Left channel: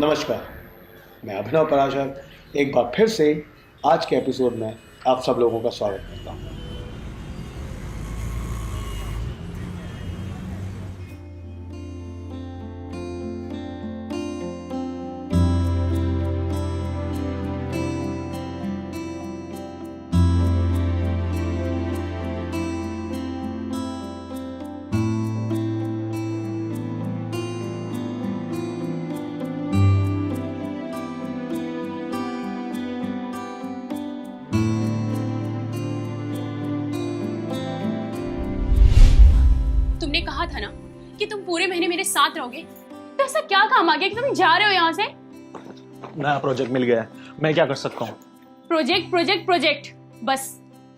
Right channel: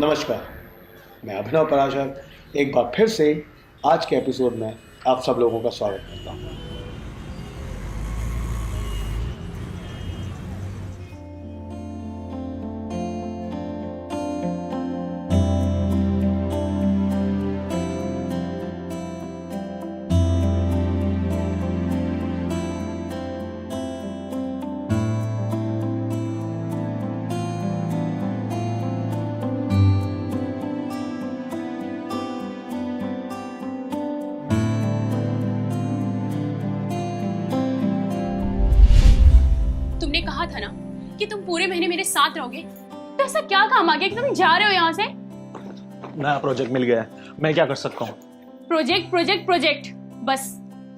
नमस्कार, मैं अभिनव पराशर एक बार फिर से आज के एपिसोड में आप सब लोगों का स्वागत करता हूँ। तुमने कहा था ना कि तुम पूरे महीने मेरे साथ रहोगे, तो ऐसा क्या काम आ गया कि तुम जा रहे हो यहाँ से? नया प्रोजेक्ट मिल गया है, मैं क्या कर सकता हूँ? प्रोजेक्ट प्रोजेक्ट प्रोजेक्ट, बस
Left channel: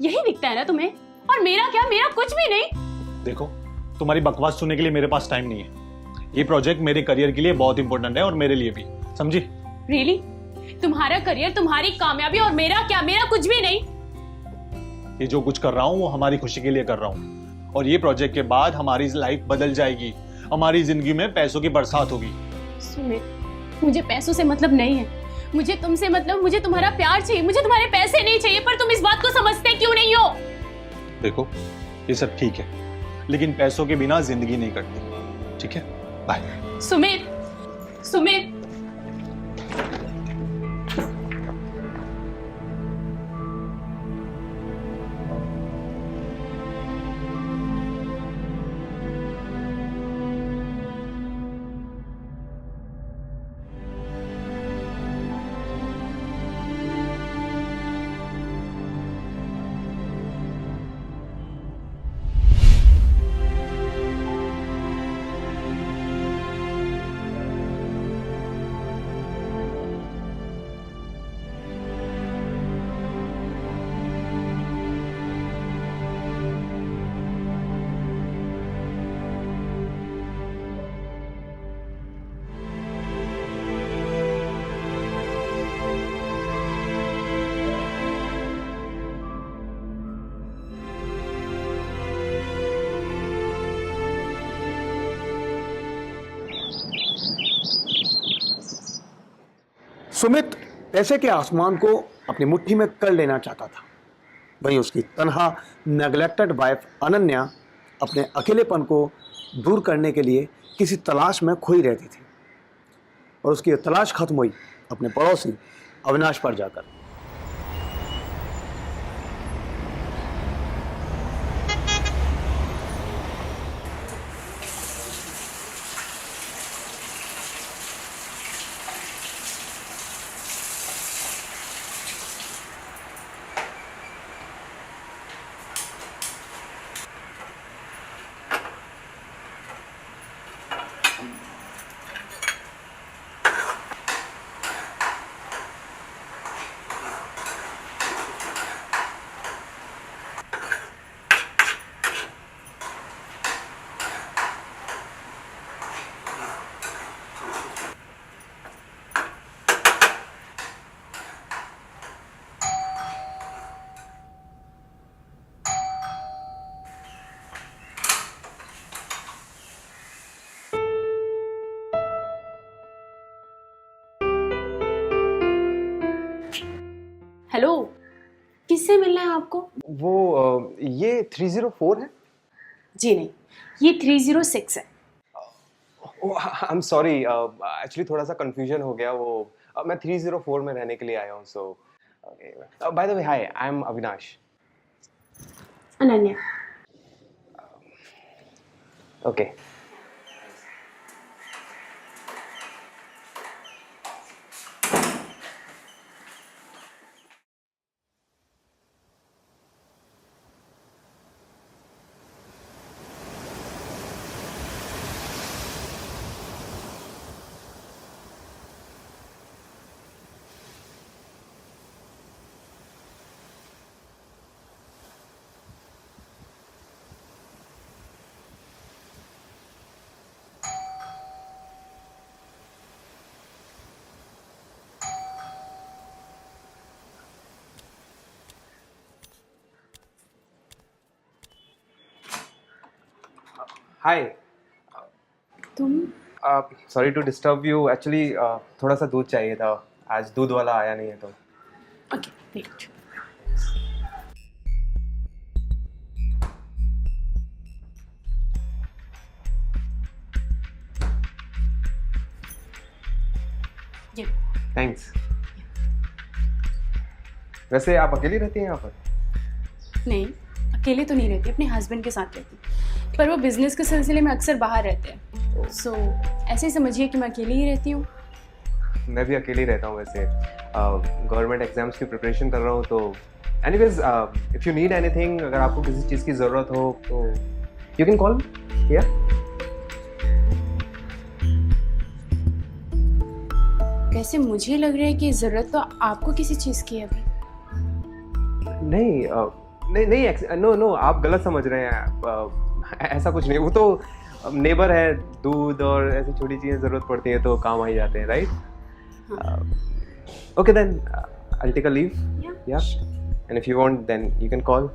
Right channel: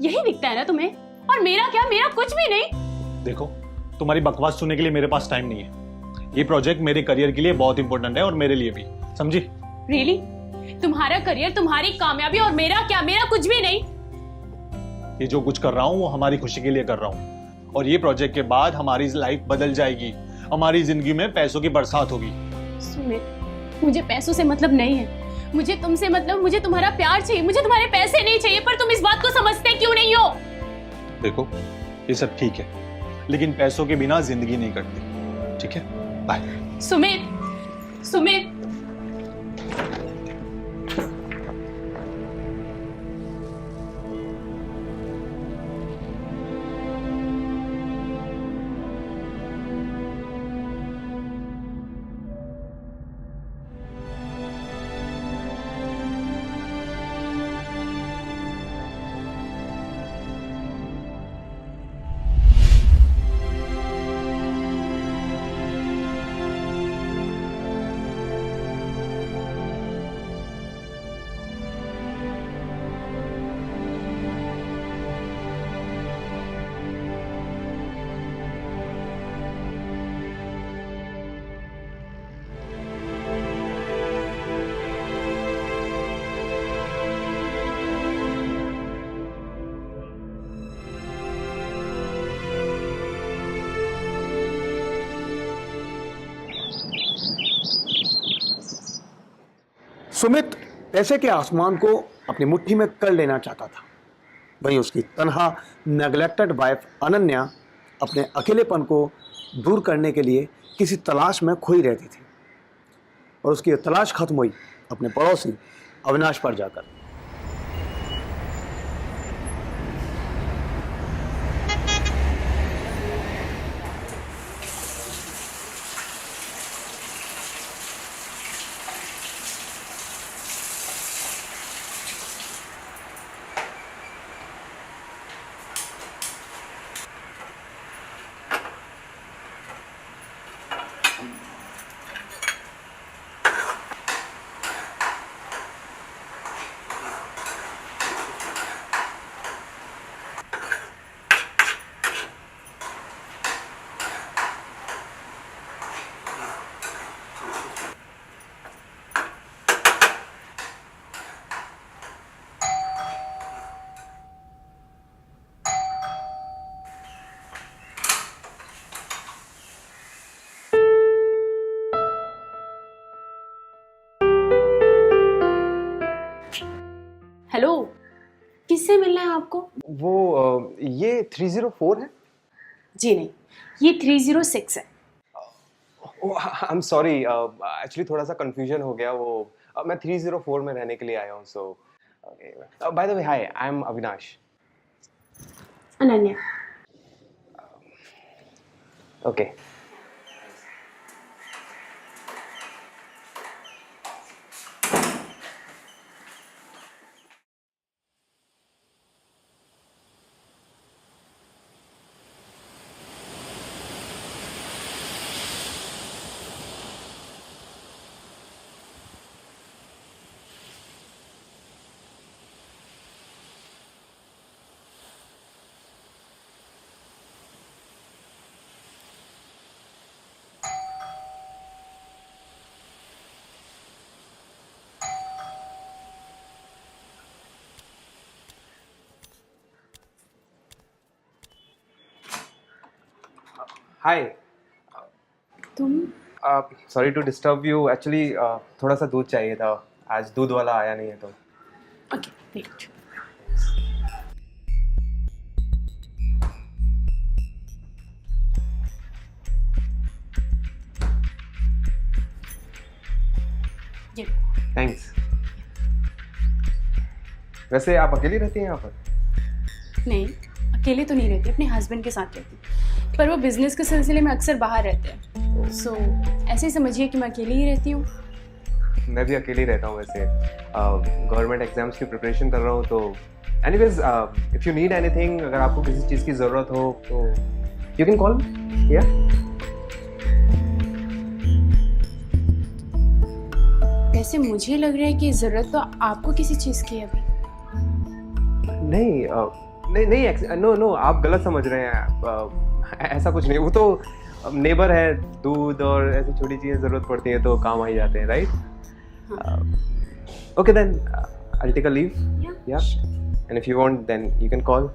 यही दिखता है ना तुम्हें? और मेरा क्या? मेरा कुछ भी नहीं। देखो, तुम्हारी बकवास सुनने के लिए मेरे पास टाइम नहीं है। ये प्रोजेक्ट मेरे करियर के लिए बहुत इंपॉर्टेंट है और मेरे लिए भी, समझी? रियली? तुम्हारा करियर, तुम्हारी कामयाबी और मेरा क्या? मेरा कुछ भी नहीं। ये जो कुछ कर रहा हूँ वो हमारी खुशी के लिए कर रहा हूँ, और ये प्रोजेक्ट के बाद हमारी लाइफ बदल जाएगी। हमारी जिंदगी में पैसों की बरसात होगी। सुमित, मुझे पैसों से मतलब नहीं है, मुझे तुमसे मतलब, मुझे तुम्हारा प्यार चाहिए, मुझे तुम्हारे पैसे नहीं चाहिए। पर तुम इस बात को समझते क्यों नहीं हो? देखो, ये सब ठीक है, लेकिन पैसों के बिना जिंदगी नहीं कटती, ठीक है? बाय। सुमित, सुमित, सुमित पैसे के आसमान को अपनी मुट्ठी में कर लेना चाहता था। वहीं उसकी तनहा नेग्लेक्टेड वाइफ अनन्या अपने अकेलेपन को दूर करने के लिए किसी तलाश में खोई रहती थी, और उसकी तलाश खत्म हुई अपने पड़ोसी अविनाश पर जाकर। हेलो, किससे मिलना है आपको? ये 304 है? जी नहीं, ये 306 है। आई एम सॉरी, एक्चुअली थोड़ा सा कंफ्यूजन हो गया। मैं 304 में रहने के लिए आया हूँ। So by the way, hi, I am Avinash. Ananya. Okay. Hi. तुम sorry to disturb you, actually थोड़ा सा दूध चाहिए था, आज दूध वाला आया नहीं है तो। Okay wait. ये थैंक्स। वैसे आप अकेली रहती हैं यहाँ पर? नहीं, अकेले तो नहीं रहती, अपने हस्बैंड के साथ रहती, पर वो बिजनेस के सिलसिले में अक्सर बाहर रहते हैं। सो ऐसे ही समझिए कि मैं अकेली ही रहती हूँ। मैं भी अकेली रहता हूँ वैसे, गवर्नमेंट एग्जाम्स की प्रिपरेशन कर रहा हूँ तो। Anyways, if you need anything, अगर आपको किसी चीज़ की ज़रूरत हो तो यू कैन कॉल। या वैसे मुझे लग रहा है कि ज़रूरत तो आपको किसी चीज़ की है अभी। नहीं, नहीं नहीं, नो, आप गलत समझ रहे हैं। ऐसा कुछ नहीं, वो तो नेबर है, दूध और ऐसी छोटी चीज़ें ज़रूरत पड़ती हैं तो काम आ ही जाते हैं, right? Okay then, I'll take a leave. Yeah. And if you want, then you can call.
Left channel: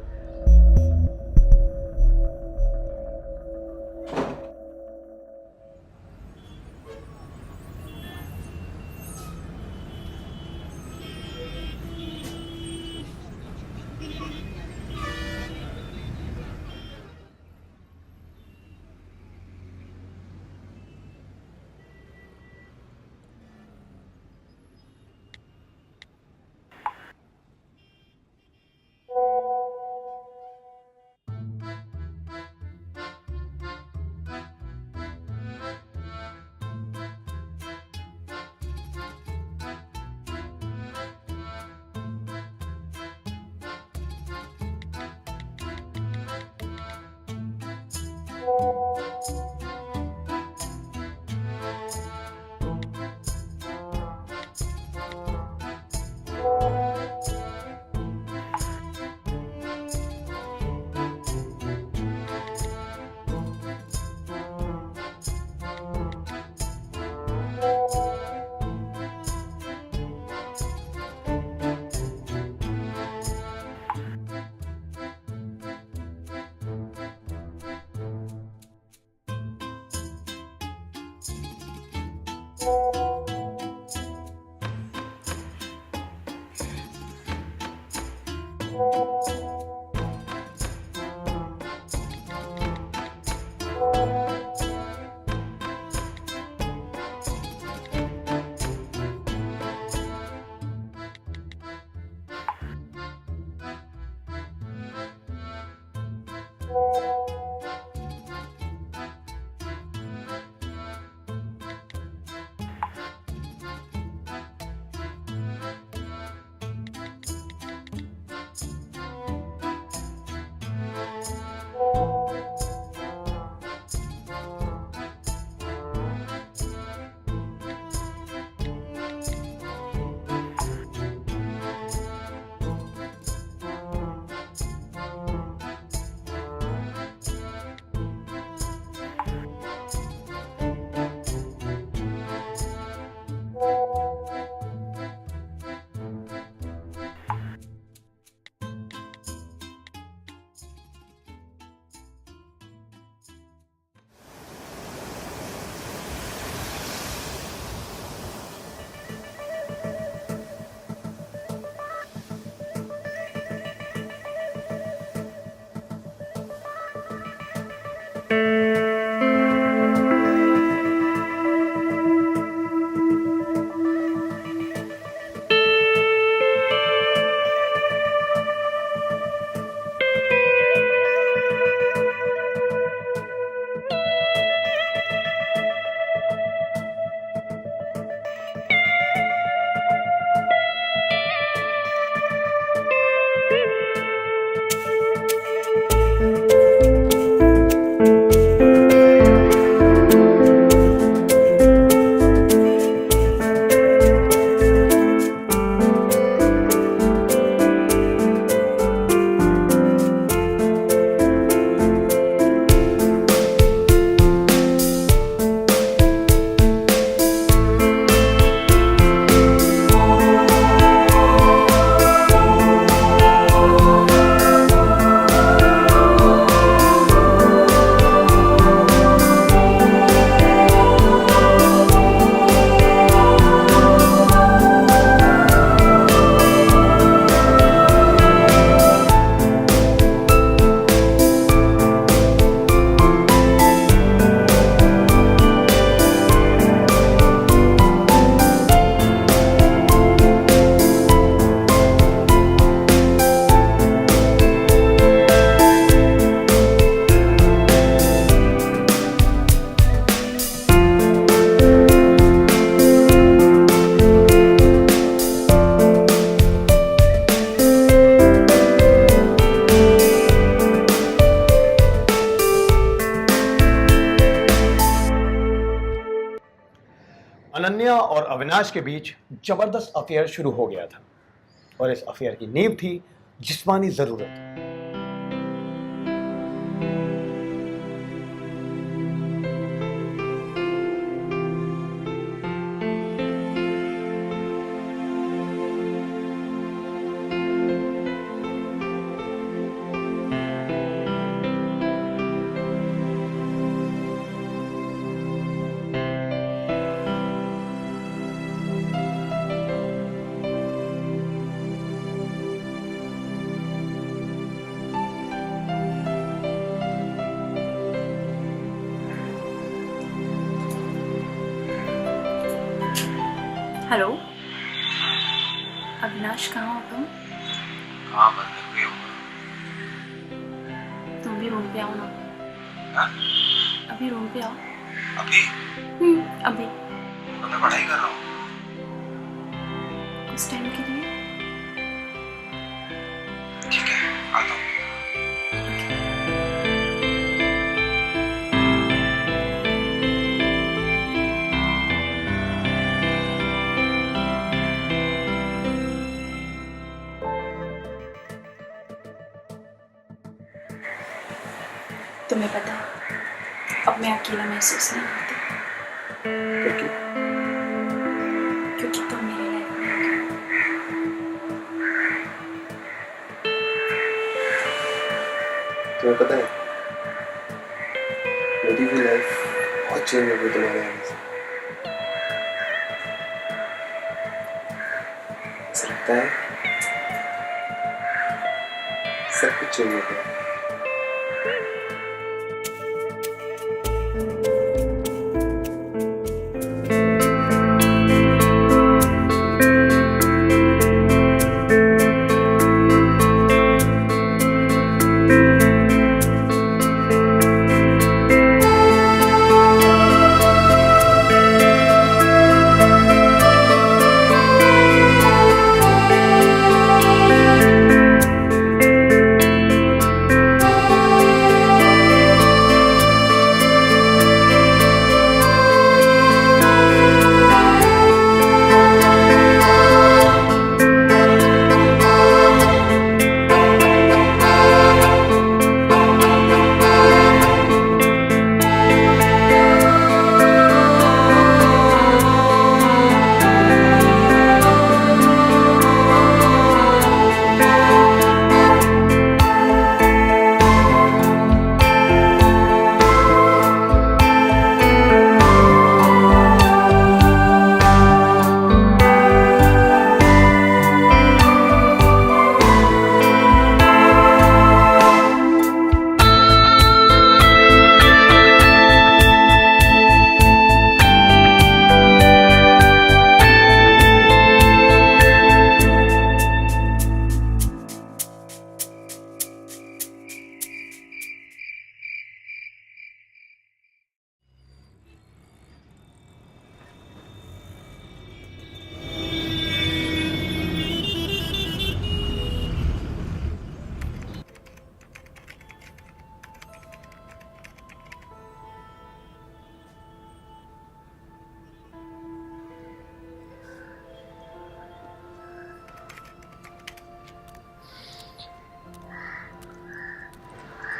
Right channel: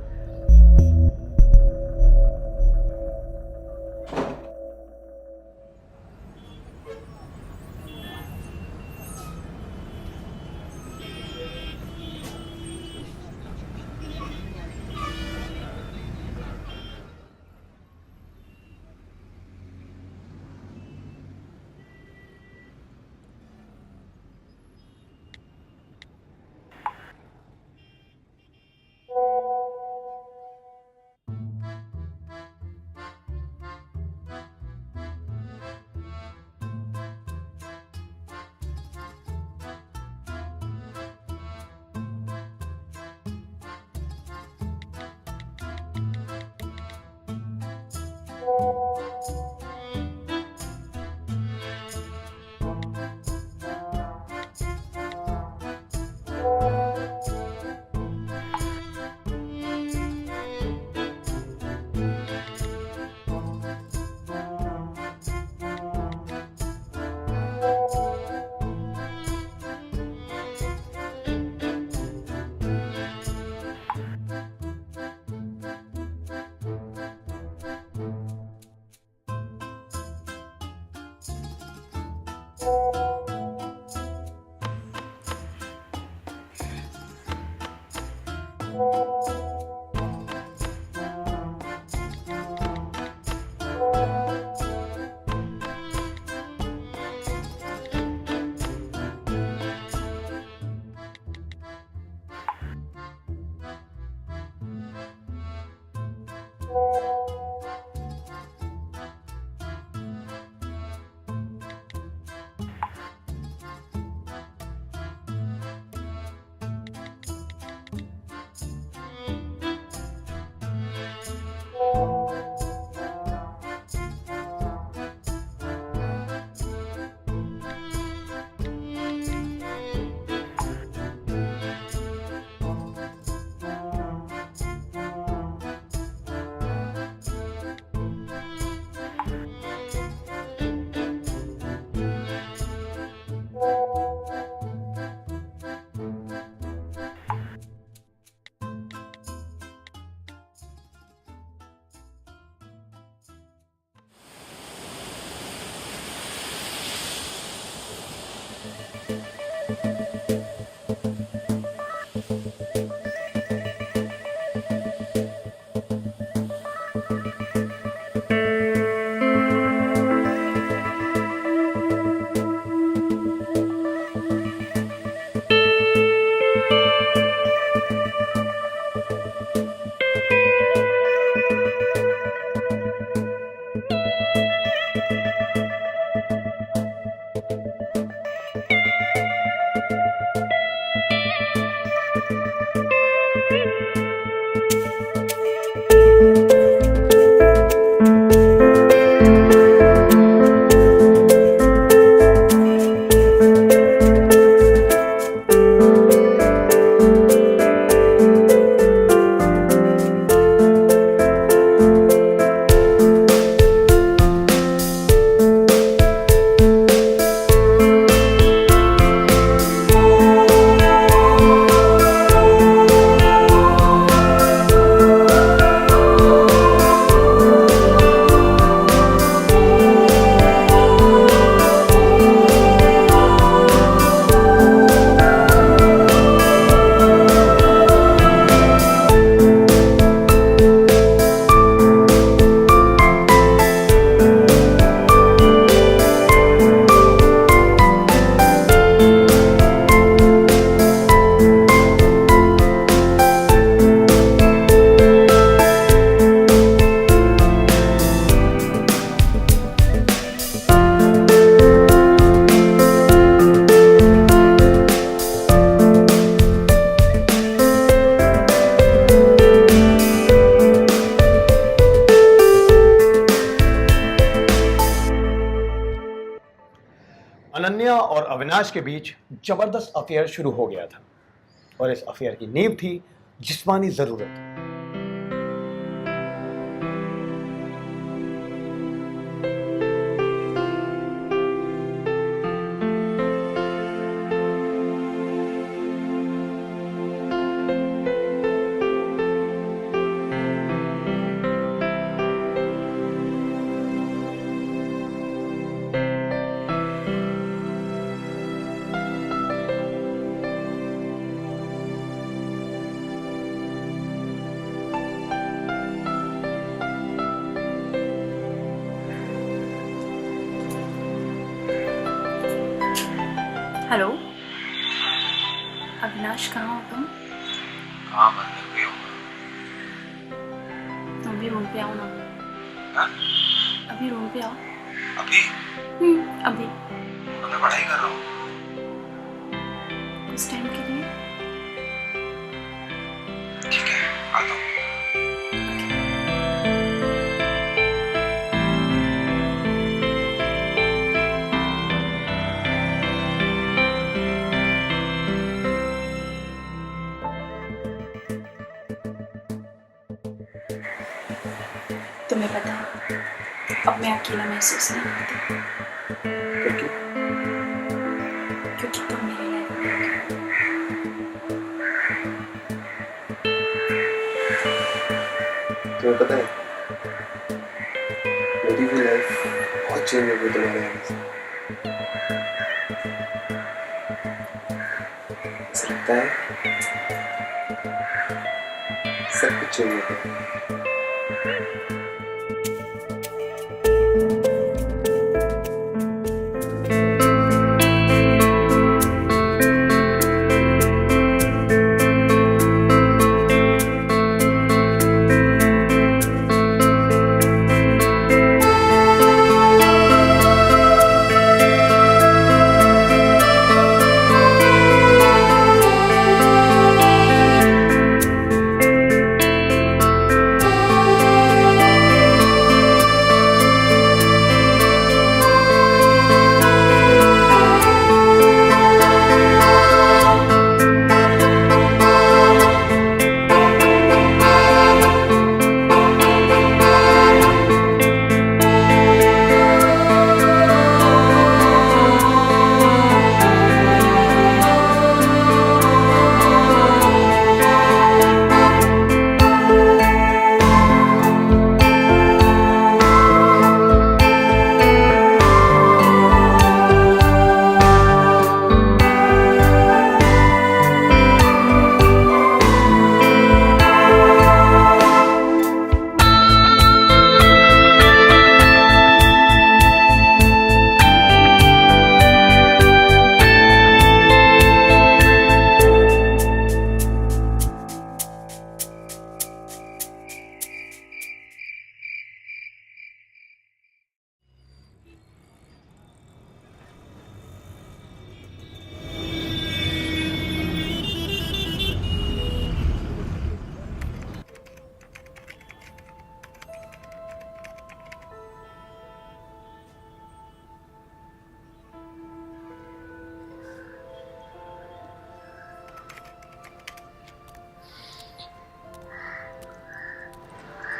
और अविनाश के बीच जबरदस्त अफेयर शुरू हो गया था और इस अफेयर की नींव थी जिस्मानी जरूरत। हेलो अविनाश, कहाँ हो तुम? हाँ मैं घर पे हूँ। तुम भी रूम पे आओ ना। हाँ? अभी रूम पे आओ। अभी अभी तो मैं पढ़ाई कर रहा हूँ। कुछ टाइम के लिए। ठीक है आता हूँ। तुम्हें पता है अब मैं अकेला महसूस नहीं करती, क्योंकि क्योंकि तुम मेरी लाइफ में हो। तुम्हें पता है मेरी भी लाइफ बहुत चेंज हो गई तुम्हारे आने से। ऐसा लगता है सब कुछ चेंज हो गया।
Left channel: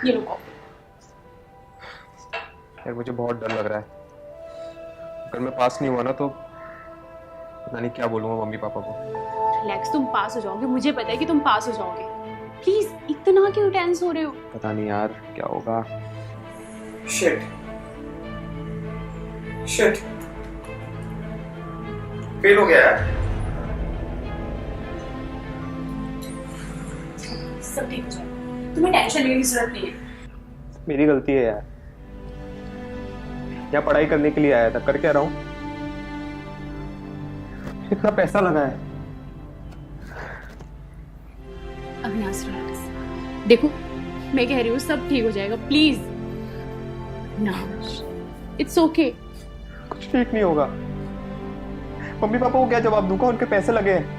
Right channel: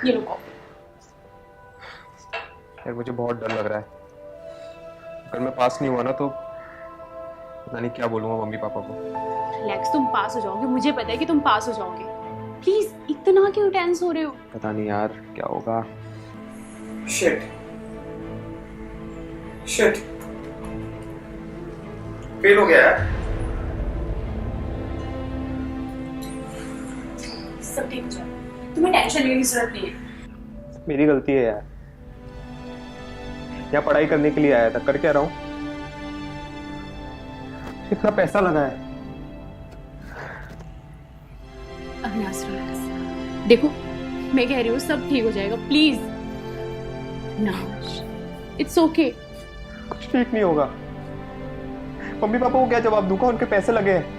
ये लो कॉफी। यार मुझे बहुत डर लग रहा है, अगर मैं पास नहीं हुआ ना तो पता नहीं क्या बोलूँगा मम्मी पापा को। रिलैक्स, तुम पास हो जाओगे, मुझे पता है कि तुम पास हो जाओगे। प्लीज इतना क्यों टेंस हो रहे हो? पता नहीं यार क्या होगा। शिट शिट फेल हो गया यार। सब ठीक हो जाएगा, तुम्हें टेंशन लेने की जरूरत नहीं है। मेरी गलती है यार, यहाँ पढ़ाई करने के लिए आया था, कर क्या रहा हूँ? इतना पैसा लगा है। अविनाश रिलैक्स, देखो मैं कह रही हूँ सब ठीक हो जाएगा, प्लीज। Avinash it's okay. कुछ ठीक नहीं होगा। मम्मी पापा को क्या जवाब दूंगा? उनके पैसे लगे हैं,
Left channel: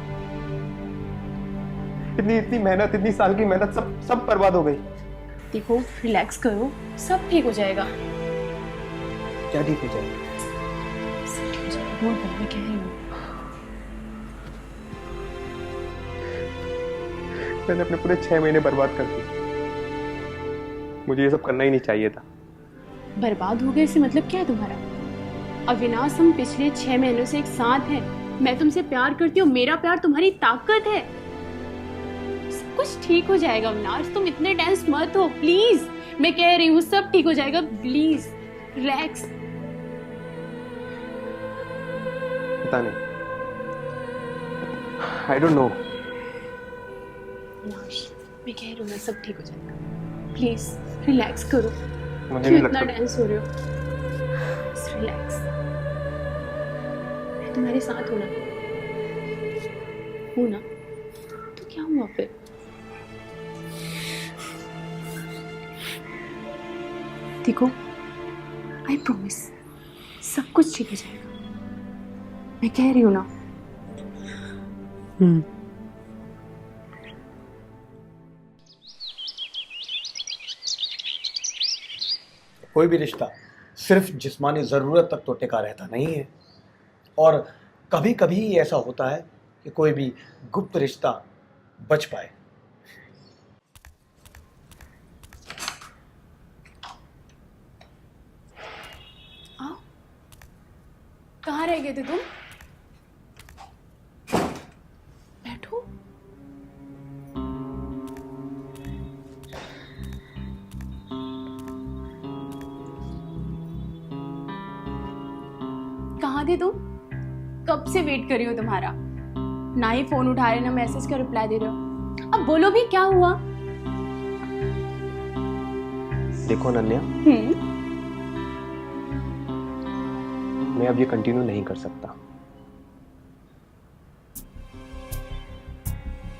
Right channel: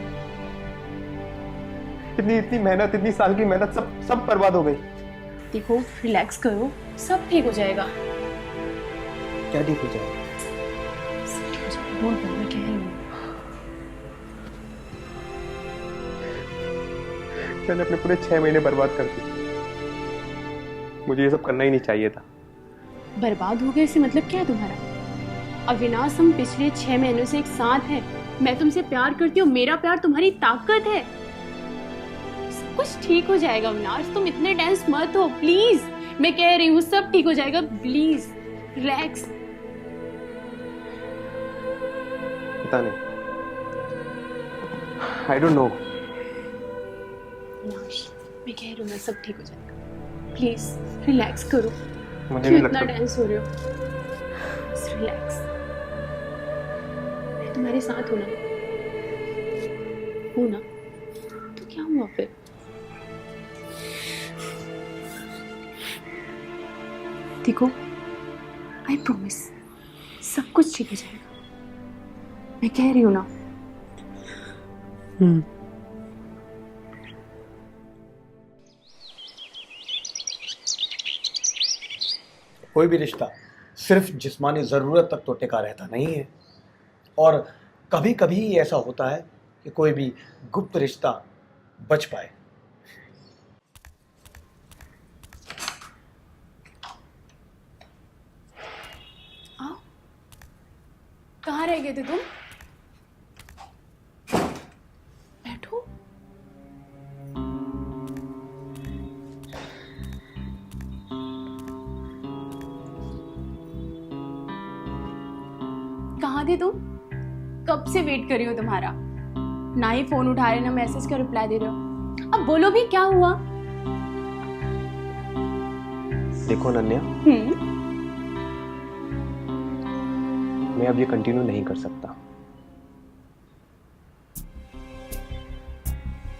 इतनी मेहनत, इतनी साल की मेहनत सब बर्बाद हो गई। देखो रिलैक्स करो, सब ठीक हो जाएगा। क्या ठीक हो जाएगा? सब ठीक हो जाएगा। इग्नोर कर, मैं कह रही हूँ। मैंने अपने पूरे 6 महीने बर्बाद कर दिए। मुझे ये सब करना ही नहीं चाहिए था। बर्बाद हो गए इससे मतलब क्या है तुम्हारा? अविनाश, हम पिछले 6 महीनों से एक साथ हैं। मैं तुमसे प्यार करती हूँ, मेरा प्यार तुम्हारी ताकत है। सब कुछ ठीक हो जाएगा अविनाश, तुम इतने टेंस मत हो प्लीज। मैं कह रही हूँ सब ठीक हो जाएगा, प्लीज रिलैक्स। पता नहीं, आई डोंट नो। अविनाश, मैं कह रही हूँ ना सब ठीक हो जाएगा, प्लीज रिलैक्स करो। मुझे क्यों नहीं इतना लगता। टेंस हो रहे हो? बस रिलैक्स, मैं तुम्हारे साथ हूँ ना। हूँ ना तो क्या हुआ फिर? देखो, आई प्रॉमिस सब कुछ ठीक हो जाएगा, मैं कह रही हूँ ना। कोई भी रिश्ता सिर्फ जिस्मानी ज़रूरत तक तो टिका रहता नहीं है, और कभी कभी ऐसा होता है कि कोई भी गुप्त रिश्ता बच पाए। आओ, कहाँ रह गए थे तुम? बैठो। कहाँ थे तुम? कब से वेट कर रही हो तुम्हारा, ना ही फोन उठा रहे ना मैसेज का रिप्लाई दे रहे हो। अब बोलो भी क्या हुआ? देखो अनन्या, मैं अब ये कंटिन्यू नहीं कर सकता।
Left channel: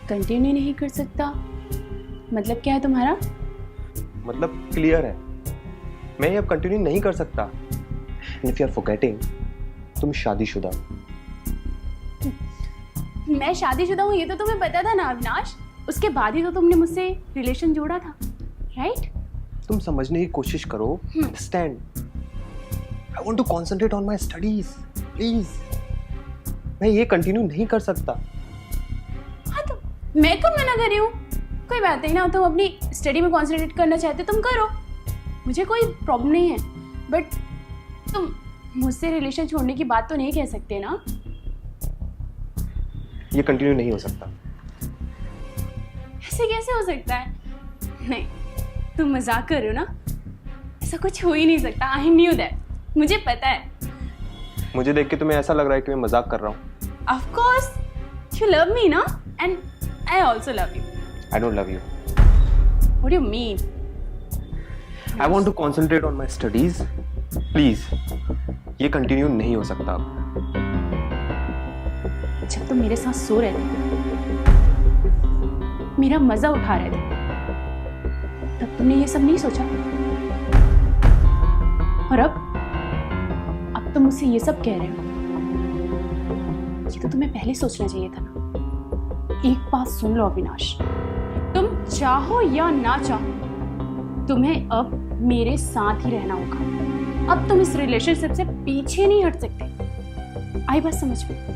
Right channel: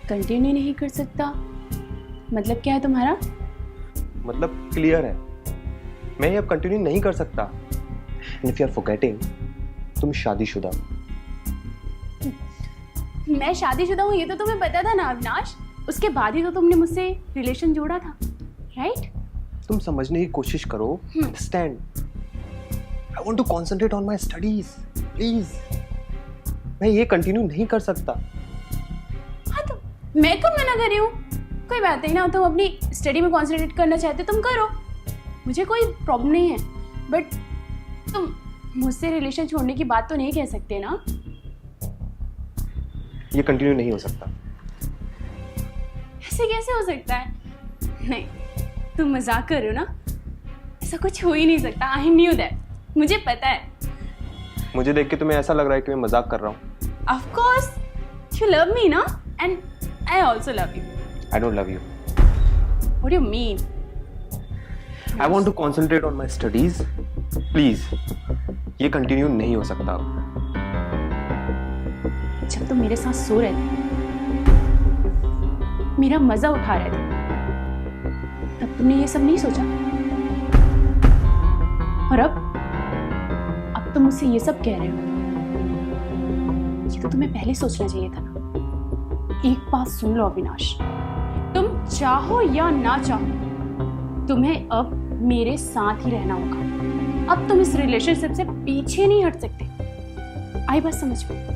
कंटिन्यू नहीं कर सकता मतलब क्या है तुम्हारा? मतलब क्लियर है, मैं ये अब कंटिन्यू नहीं कर सकता। इफ यू आर फॉरगेटिंग, तुम शादीशुदा हो। मैं शादीशुदा हूँ ये तो तुम्हें पता था ना अविनाश, उसके बाद ही तो तुमने मुझसे रिलेशन जोड़ा था, राइट? तुम समझने की कोशिश करो, understand. I want to concentrate on my studies, please. मैं ये कंटिन्यू नहीं कर सकता। हाँ तो मैं कब मना कर रही हूँ? कोई बात नहीं ना, तुम अपनी स्टडी में कंसंट्रेट करना चाहते तुम करो, मुझे कोई प्रॉब्लम नहीं है। बट तुम मुझसे रिलेशन छोड़ने की बात तो नहीं कह सकते ना। ये कंटिन्यू नहीं हो सकता। ऐसे कैसे हो सकता है? नहीं, तुम मजाक कर रहे हो ना, ऐसा कुछ हो ही नहीं सकता। आई न्यू दैट, मुझे पता है। मुझे देख के तुम्हें ऐसा लग रहा है कि मैं मजाक कर रहा हूँ। Of course you love me ना, and I also love you. I don't love you. What do you mean? I want to concentrate on my studies, please. ये कंटिन्यू नहीं हो सकता। जब तुम मेरे साथ सो रहे थे, मेरा मजा उठा रहे थे, तब तुमने ये सब नहीं सोचा, और अब तुम मुझसे ये सब कह रहे हो। ये तो तुम्हें पहले सोचना चाहिए था ना। एक बात सुन लो अविनाश, तुम चाहो या ना चाहो, तुम्हें अब मेरे साथ ही रहना होगा। अब तुम इस रिलेशनशिप से पीछे नहीं हट सकते। आई बात समझ में?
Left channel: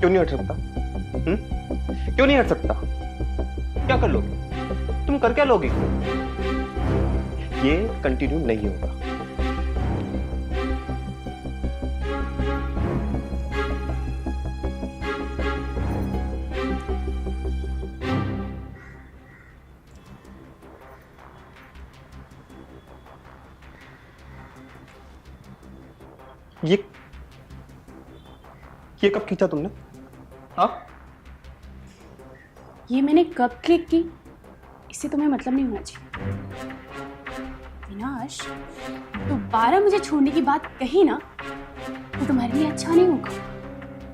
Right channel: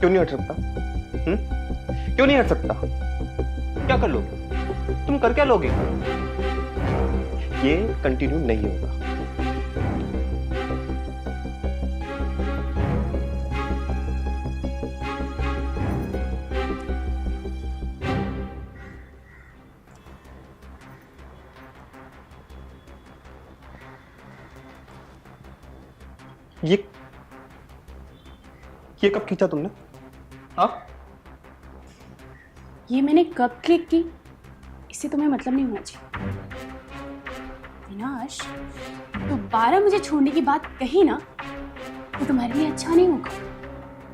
क्यों नहीं हट सकता? क्यों नहीं हट सकता? क्या कर लोगे? तुम कर क्या लोगे? ये कंटिन्यू नहीं होगा। ये कब खींचा तुमने? हाँ? ये मैंने कब क्लिक की, इससे तुम्हें मतलब नहीं होना चाहिए। विनाश, दोबारा मुझे छोड़ने की बात कही ना तो तुम्हारे लिए अच्छा नहीं होगा।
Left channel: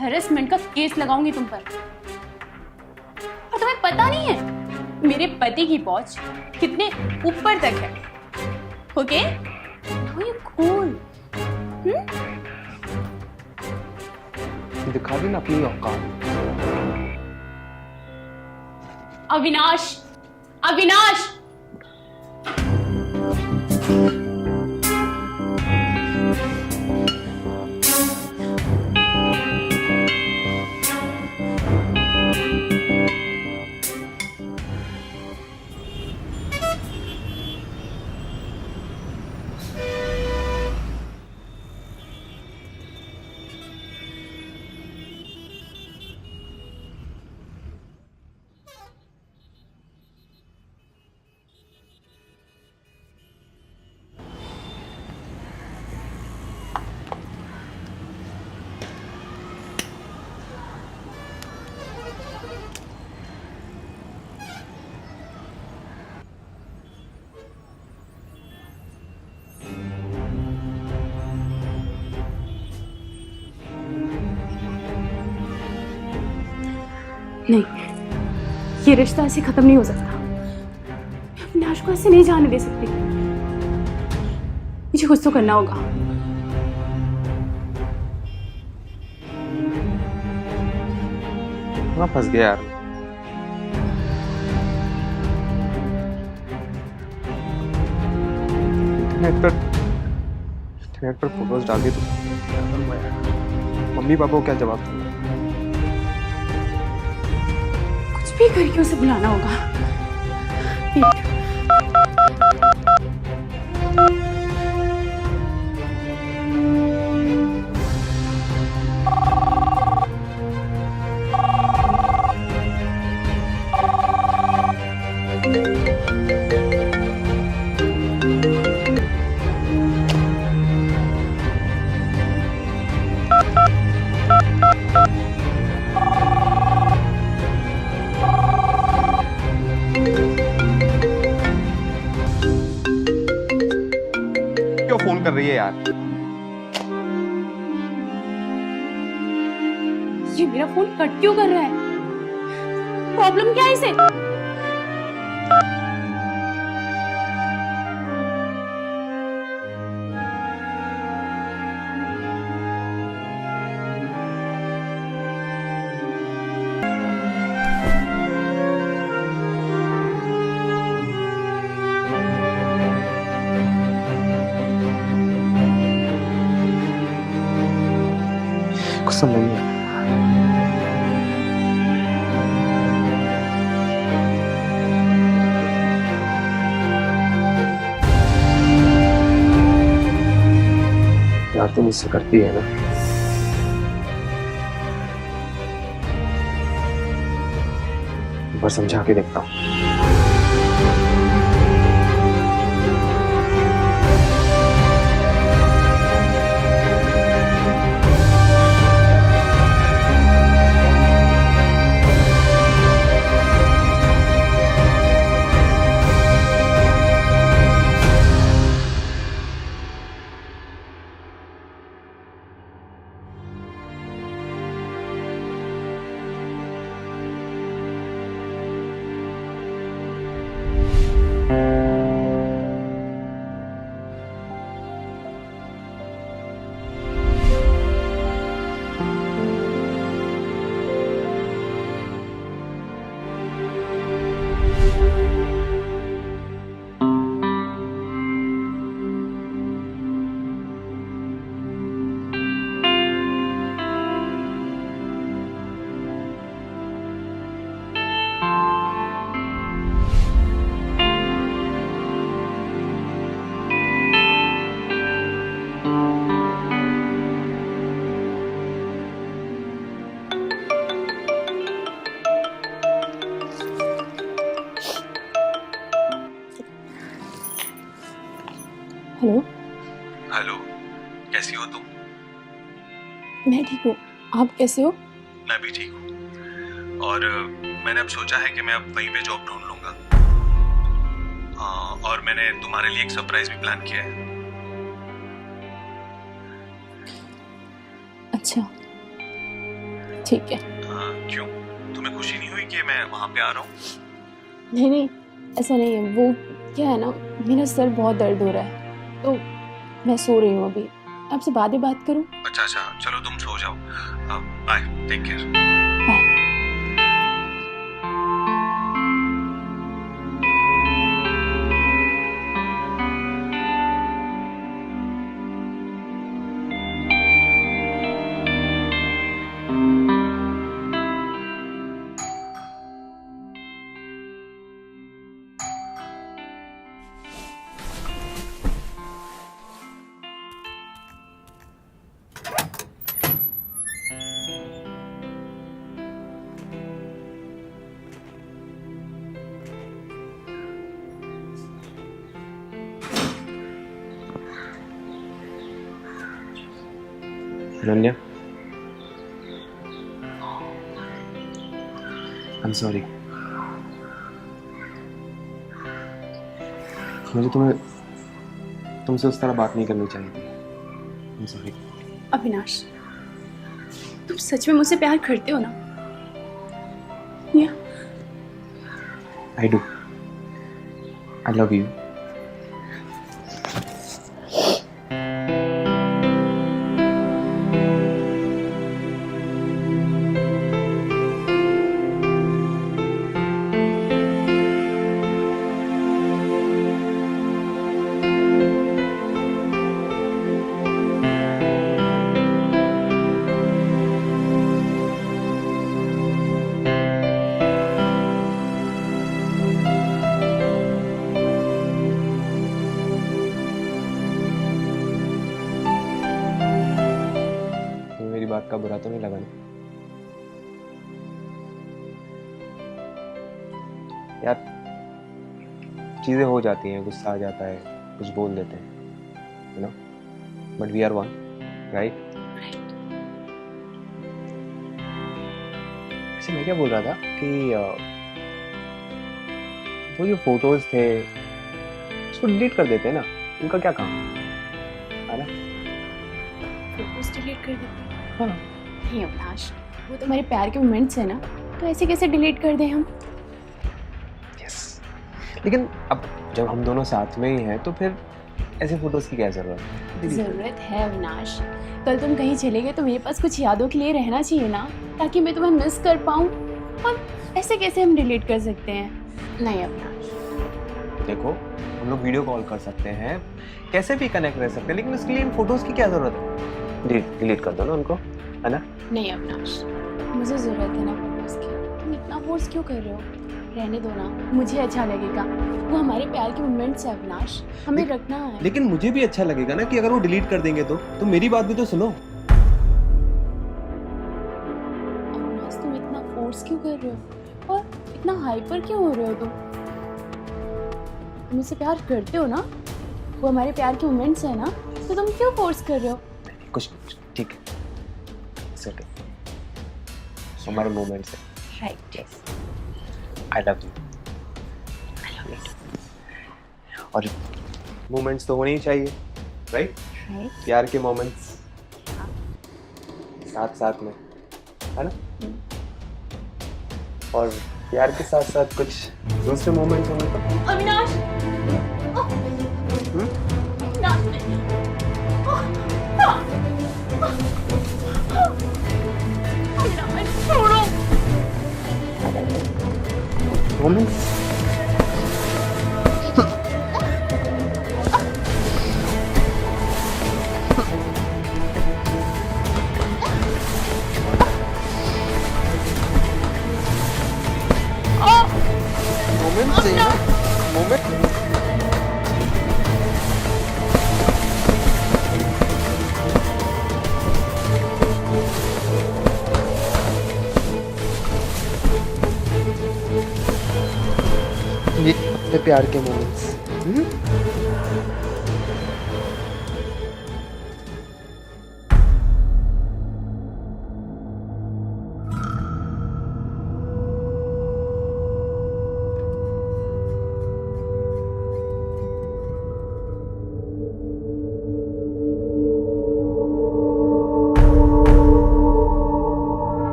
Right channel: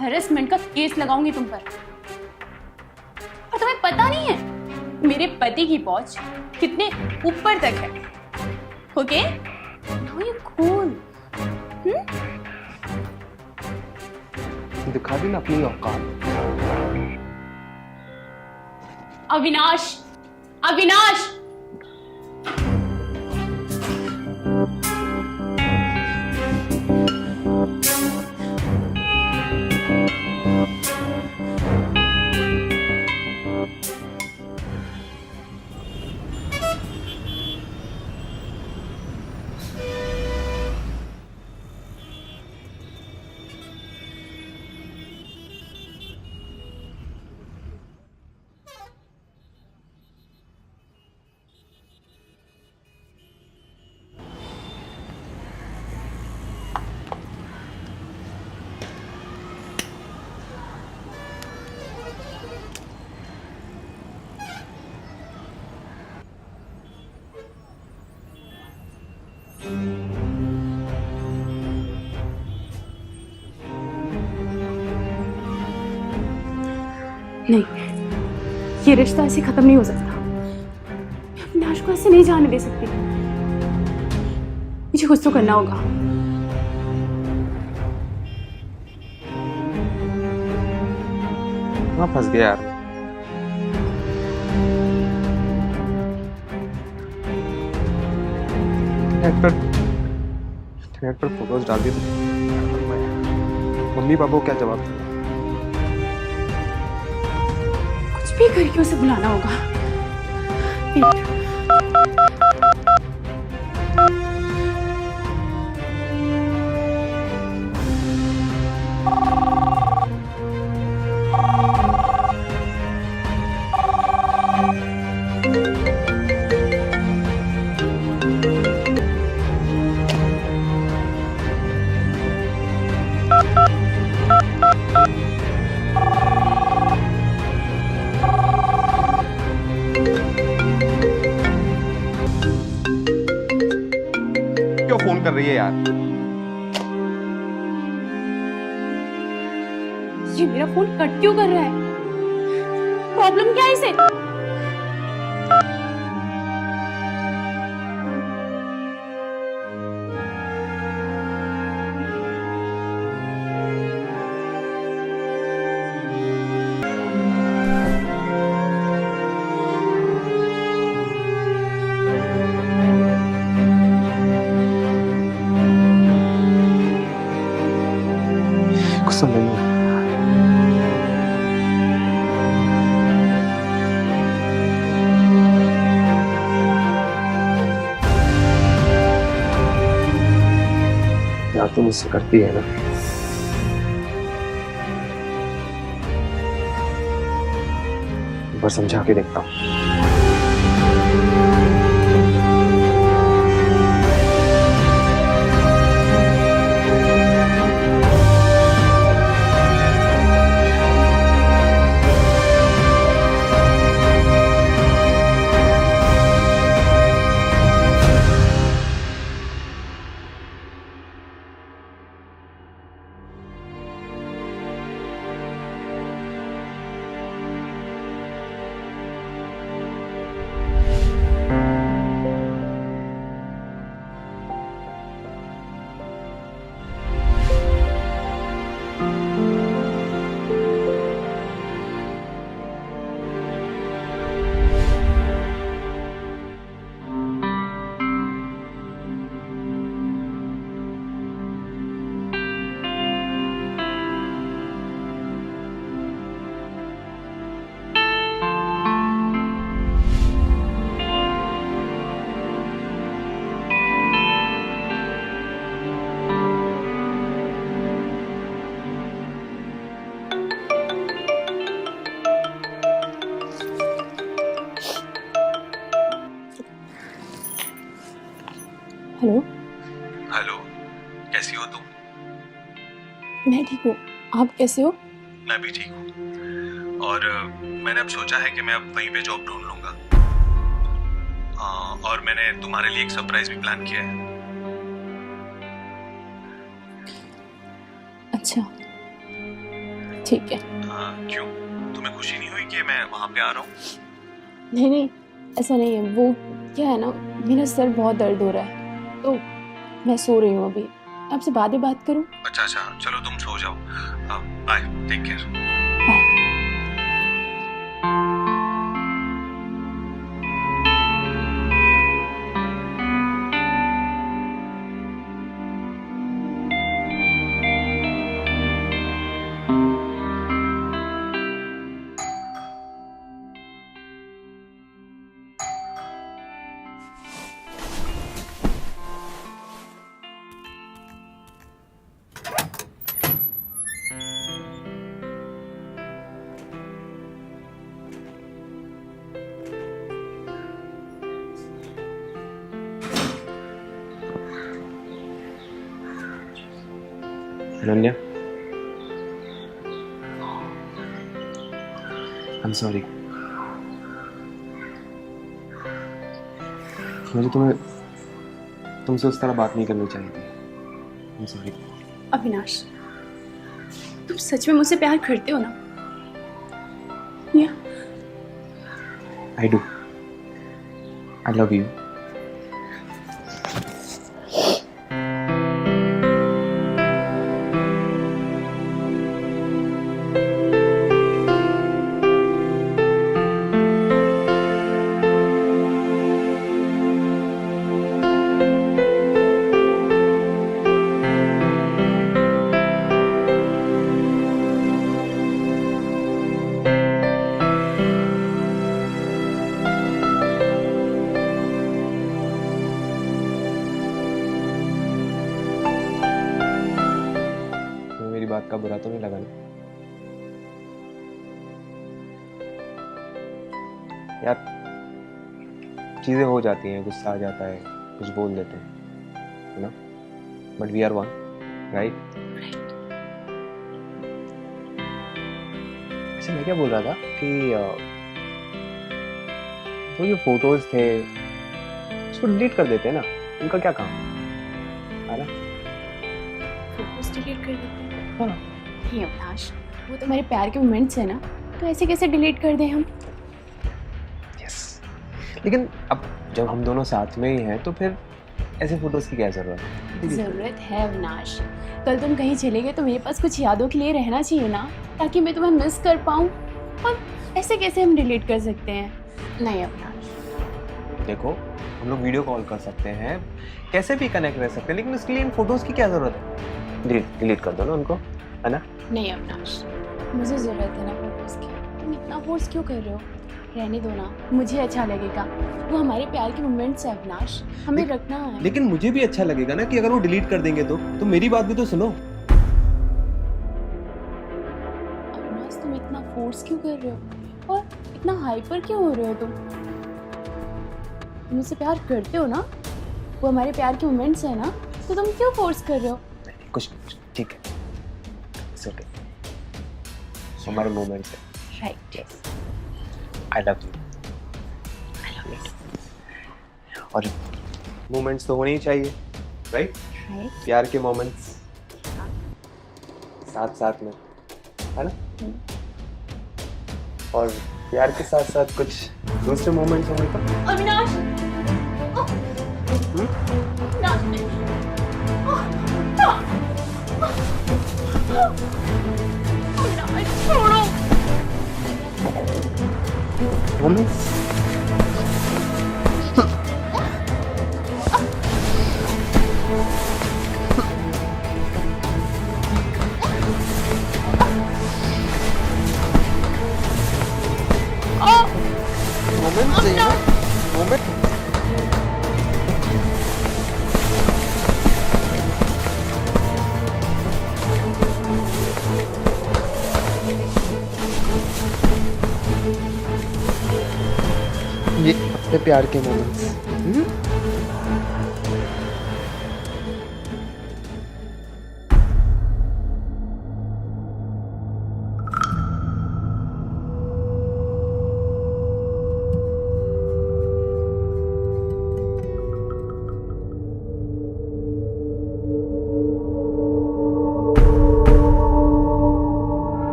हैरेसमेंट का केस लगाऊंगी तुम पर। और तुम्हें पता नहीं है मेरे पति की पहुंच कितने ऊपर तक है। Okay, now you cool. दिखा दी ना अपनी औकात। अविनाश, अविनाश, नहीं, ये रिश्ता ऐसे खत्म नहीं हो सकता। मैं अविनाश को ऐसे नहीं जाने दे सकती। मुझे कुछ तो करना होगा। कहाँ फंस गया यार। इंटरनेट पर फोटोज डाल दिए तो क्या करूँगा यार। मम्मी पापा को क्या जवाब दूंगा। कुछ भी करके उसे बुलाना होगा। वेट। क्यों फोन कर रही है यार। ये मेरा फोन कट क्यों कर रहा है? प्रॉब्लम क्या है इसे? कुछ समझ नहीं आ रहा। यार तुम इससे करती है ना। एक बार समझा के देखता हूँ। हेलो। हेलो, कैसी हो तुम? मैं ठीक हूँ, आप कैसे हो? मैं भी ठीक हूँ। और मैंने अब सोचा है कि मैं अब वहीं पे जॉब ढूंढ लूंगा। और मैंने तुम्हारे लिए एक सरप्राइज भी प्लान किया है। अच्छा, ठीक है। क्यों, तुम्हें खुशी नहीं हुई कि मैं वहां पे आ रहा हूँ? नहीं नहीं, ऐसा नहीं है। वो क्या है ना, मेरा सर बहुत दर्द हो रहा है तो मैं सो रही हूँ अभी। आपसे बाद में बात करूँ? अच्छा, चलो तुम सो जाओ। Bye, take care. Bye. Ananya, I'm sorry। मुझे तुमसे उस तरह बात नहीं करनी चाहिए थी। I'm sorry। अविनाश, तुम सच में मुझसे प्यार करते हो ना? Yeah. I do. I love you. तुम्हें मेरी बात का बुरा तो नहीं लगा ना? यार चीजें हो जाती हैं, गुस्सा आ जाता है, कुछ बोल देते हैं, you know, but we are one, right? वैसे मैं क्या बोल रहा था कि वो जो फोटोज थे उसको डिलीट कर देते हैं ना, उनका क्या काम है ना? फोटोज डिलीट कर देते हैं? हाँ। नहीं अविनाश, वो तो हमारे प्यार के मोमेंट्स है ना, तो ऐसे कैसे डिलीट कर दें हम? यस, लेकिन अब जब हम दोनों साथ में ही हैं तो फिर ऐसे फोटोज की क्या जरूरत है? जरूरत है अविनाश। कल तुम कहीं चले गए तो मेरे पास कुछ यादों के लिए रहना चाहिए ना, ताकि मैं तुम्हें मिस कर पाऊँ। और ऐसे कैसे हम डिलीट कर सकते हैं? नहीं अविनाश। देखो, हम लोग वीडियो कॉल कर सकते हैं, कैसे भी कनेक्ट रह सकते हैं, लेकिन उसके लिए इन फोटोज की क्या जरूरत है? डिलीट कर दो ना उनको, है ना? नहीं अविनाश, मुझे ज़रूरत है ना फोटोज़ की। तुम इतना फोर्स क्यों कर रहे हो? रहने दो ना, मुझे अच्छा लगेगा। वो हमारे प्यार के मोमेंट्स है अविनाश, हमें रखना है। लेकिन मुझे भी अच्छा लगेगा ना कि अगर वो डिलीट कर देंगे तो मेरी बात भी तो सुनो। अविनाश, तुम इतना फोर्स क्यों कर रहे हो और इतना हाइपर क्यों हो रहे हो? तुम मुझसे प्यार करते हो ना? वो हमारे प्यार के मोमेंट्स है ना, तो तुम क्यों फोर्स कर रहे हो? कुछ ठीक है, इट्स ओके, हमारे मोमेंट्स है। Right, yes, I love you. I love it. और मोमेंट्स तो होने ही चाहिए, राइट? राइट, प्यार के मोमेंट्स साथ साथ में, है ना? और प्यार के साथ साथ कुछ दूसरे मोमेंट्स होंगे तो अविनाश। हम्म? अविनाश नहीं। अविनाश, छोड़ो। मोमेंट्स मोमेंट्स चाहिए ना, मोमेंट। ये अपने प्यार के मोमेंट्स।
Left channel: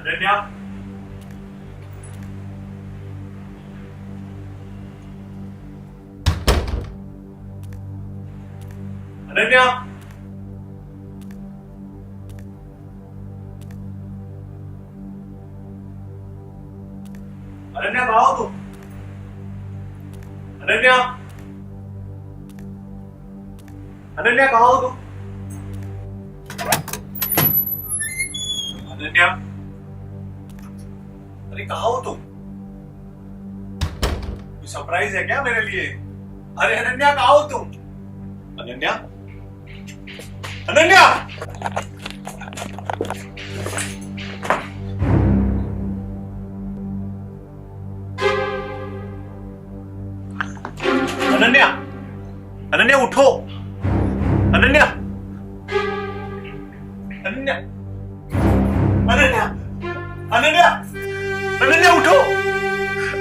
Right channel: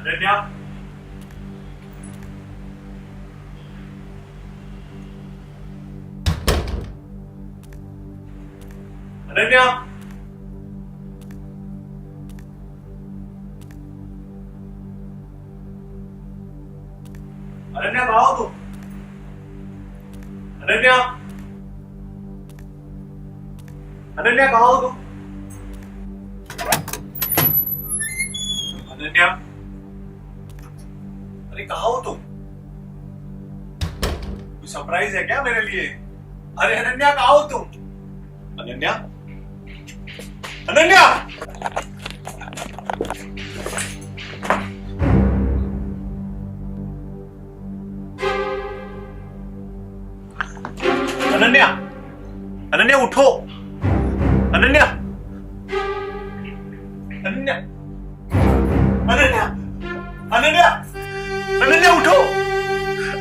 अनन्या, अनन्या, अनन्या कहाँ हो तुम? अनन्या, अनन्या कहाँ हो तुम? अनन्या, अरे कहाँ हो तुम? कोई सरप्राइज है क्या मेरे लिए? अरे अनन्या कहाँ हो तुम? अनन्या, अनन्या! अनन्या! अनन्या उठो! अनन्या! अनन्या! अनन्या! अनन्या! अनन्या उठो!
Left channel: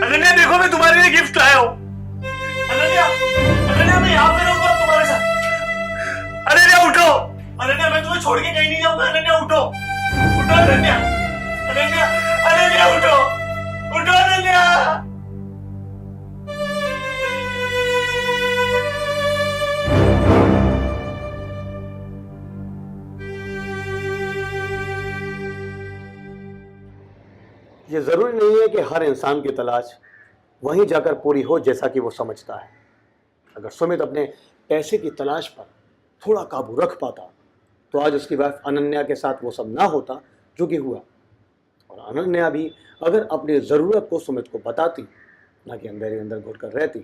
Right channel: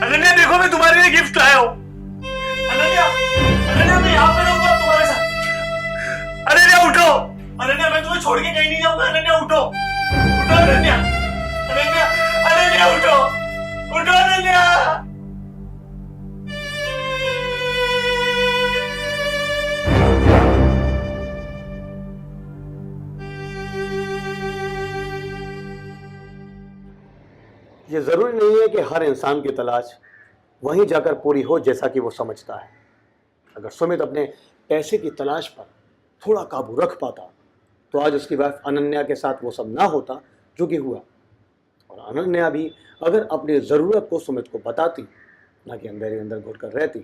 अनन्या देखो मैं तुम्हारे लिए गिफ्ट लाया हूं। अनन्या! अनन्या मैं यहाँ पे रहूंगा तुम्हारे साथ। अनन्या उठो! अनन्या मैं तुम्हें छोड़ के कहीं नहीं जाऊंगा। अनन्या उठो! उठो अनन्या! अनन्या! अनन्या उठो! उठो अनन्या! ये ज़रूरी नहीं है कि हर इंसान की तलाश वहीं जाकर पूरी हो जैसा कि वो समझता है। अगर सुमित अपने पैसे की तलाश पर थोड़ा काबू रख पाता तो आज उसकी वाइफ अनन्या के साथ वो सब ना होता जो कि हुआ, और अनन्या भी अगर अपनी ज़रूरत को सुमित को बताती, ना कि अंदर ही अंदर घुट कर रहती,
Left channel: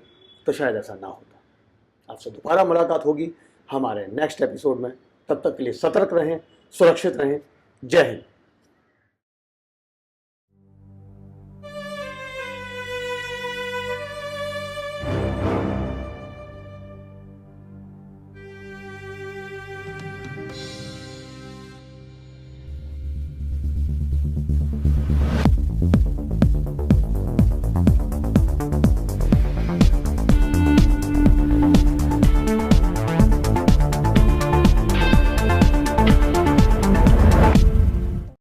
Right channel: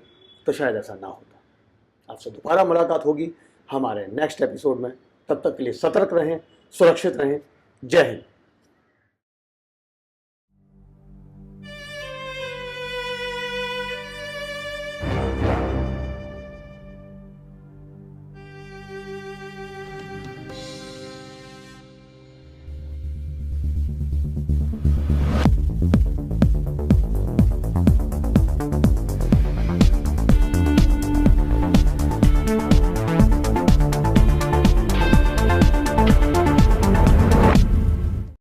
तो शायद ऐसा ना होता। आपसे दोबारा मुलाकात होगी हमारे नेक्स्ट एपिसोड में। तब तक के लिए सतर्क रहें, सुरक्षित रहें। जय हिंद।